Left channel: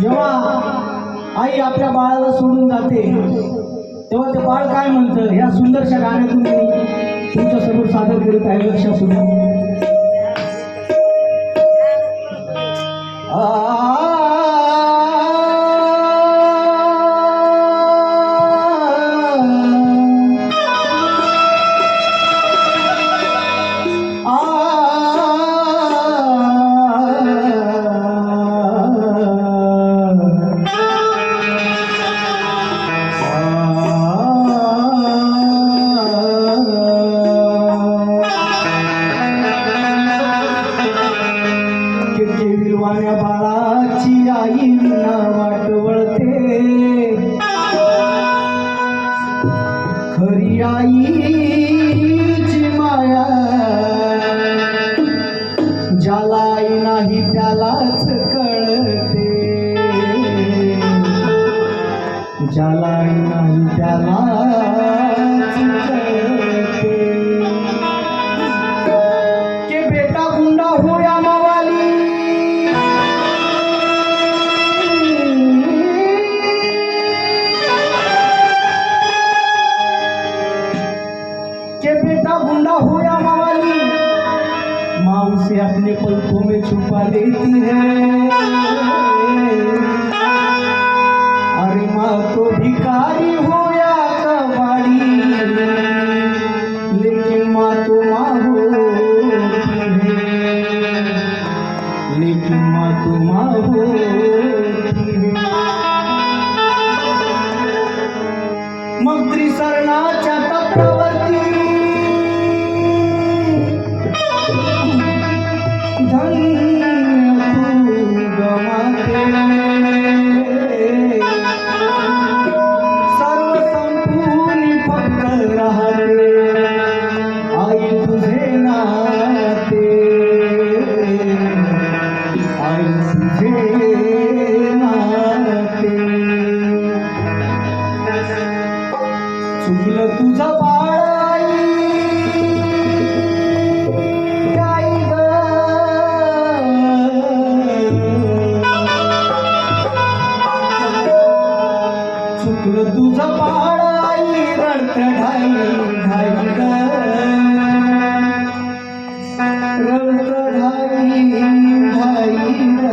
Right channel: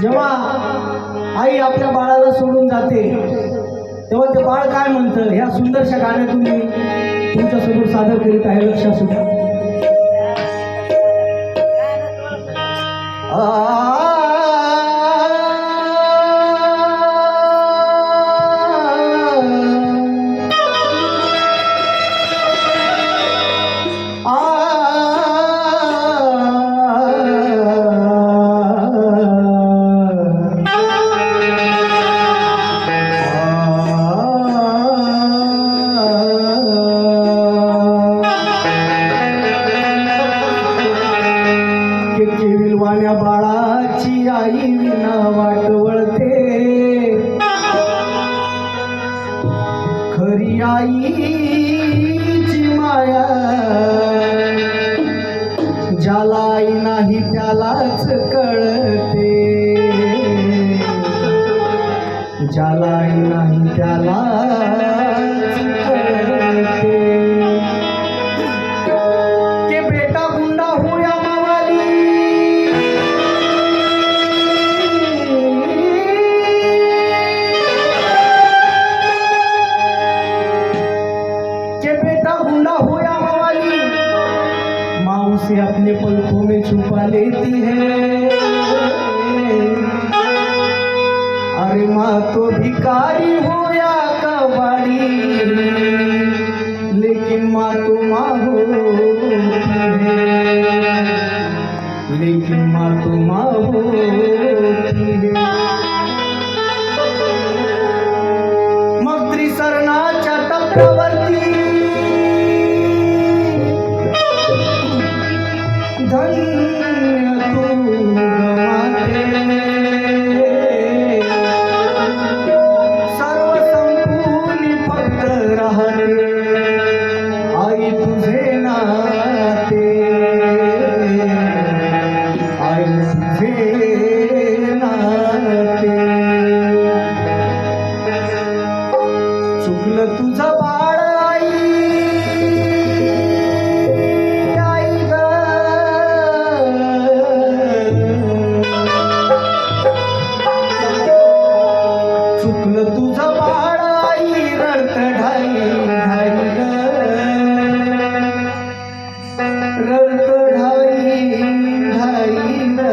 जेव्हा आई आपल्या बाळाला सोडून जाते तेव्हा ते बाळ काय म्हणतं ह्या सुंदरशा गाण्यातून मी तुमच्या समोर सादर करीत आहे. लक्ष असू द्या. विलवाण्या बाळाची आई विना वाट वळते, खरी आईची माया ज्याला आई नाही त्यालाच कळते, ज्याला आई नाही त्यालाच कळते. के बेटा गुंडा होया मावाली, के बेटा गुंडा हो या मवाली, माँ उसे अपने पलकों में छुपा लेती है. अरे माँ तो भिखारी हो या कबाड़ी, लेकिन माँ तो माँ होती है, लेकिन माँ तो माँ होती है. मग त्रिसरणाच्या टप्प्यावरती धन्य तू गमाते, सर्व संपूर्ण फक्त राहते आई तुझे नाते, आई तुझे नाते. चुकलं तुझं बाळ आई, आई ग, चुकलं तुझं बाळ आई, रडत ढाई ढाई ग, रडत ढाई ढाई ग.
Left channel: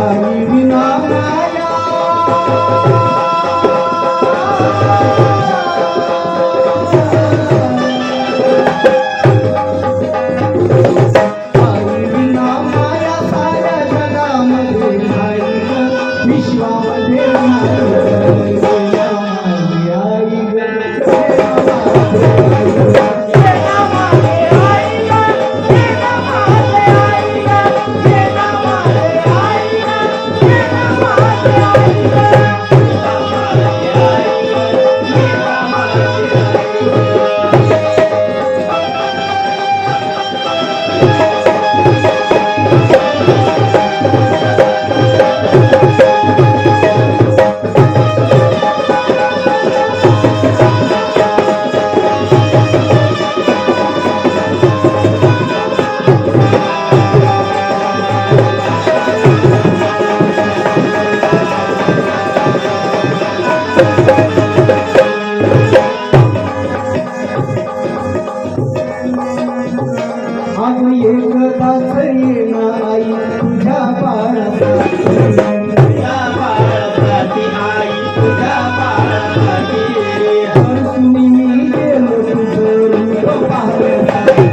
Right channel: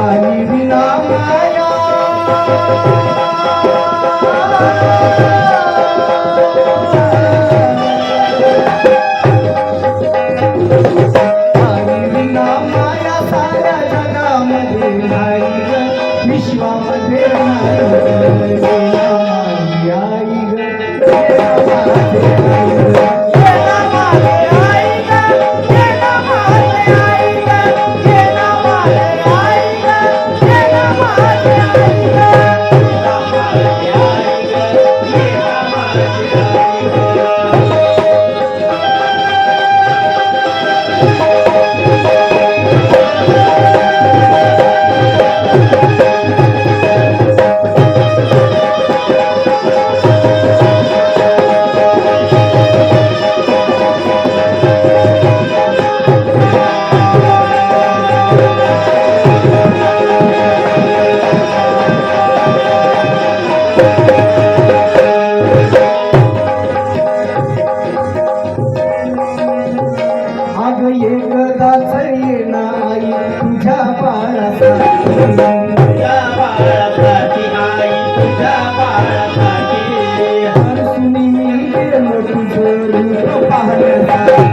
आई विना माया ये ना आई तुझ्या बाळासाठी तुझ्या बाळासाठी आई तुझ्या बाळासाठी हरसुनी मी गेलो तुझं रूप पाहण्यासाठी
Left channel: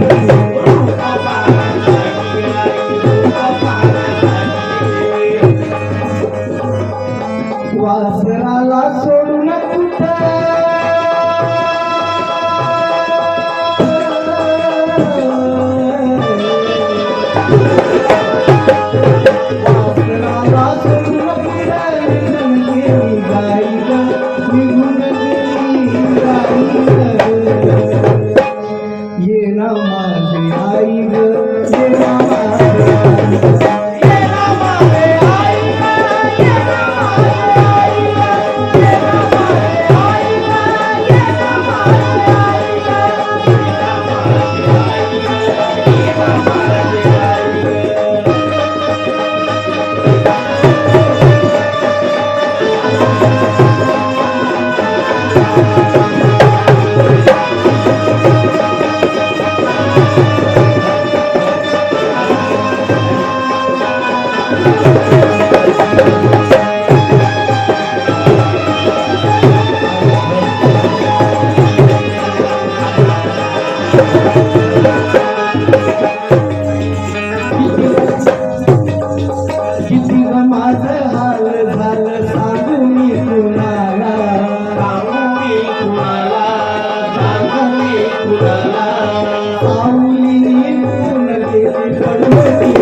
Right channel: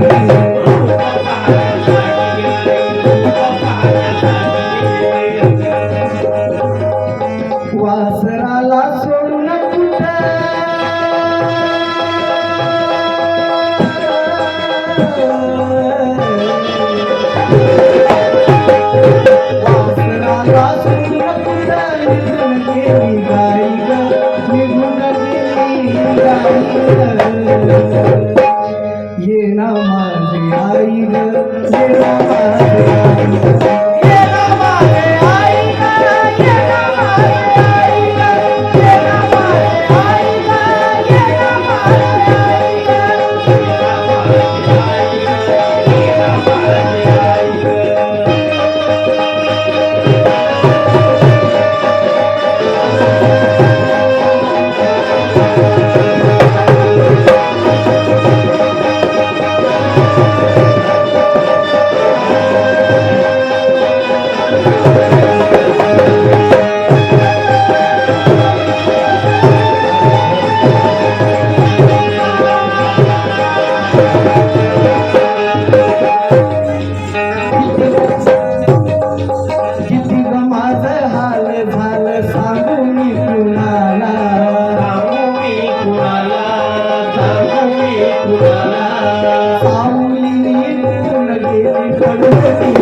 वासराला सोडून वासराला सोडून कुठं निघून गेली गाई ग निघून गेली गाई ग ये ना माझे आई ग ये ना माझे आई ग ये ना माझे आई ग ये ना माझे आई ग ये ना माझे आई ग ये ना माझे आई किती ग माझं हाल झालं सांगू मी कुणाला सावली निघून गेली पडवती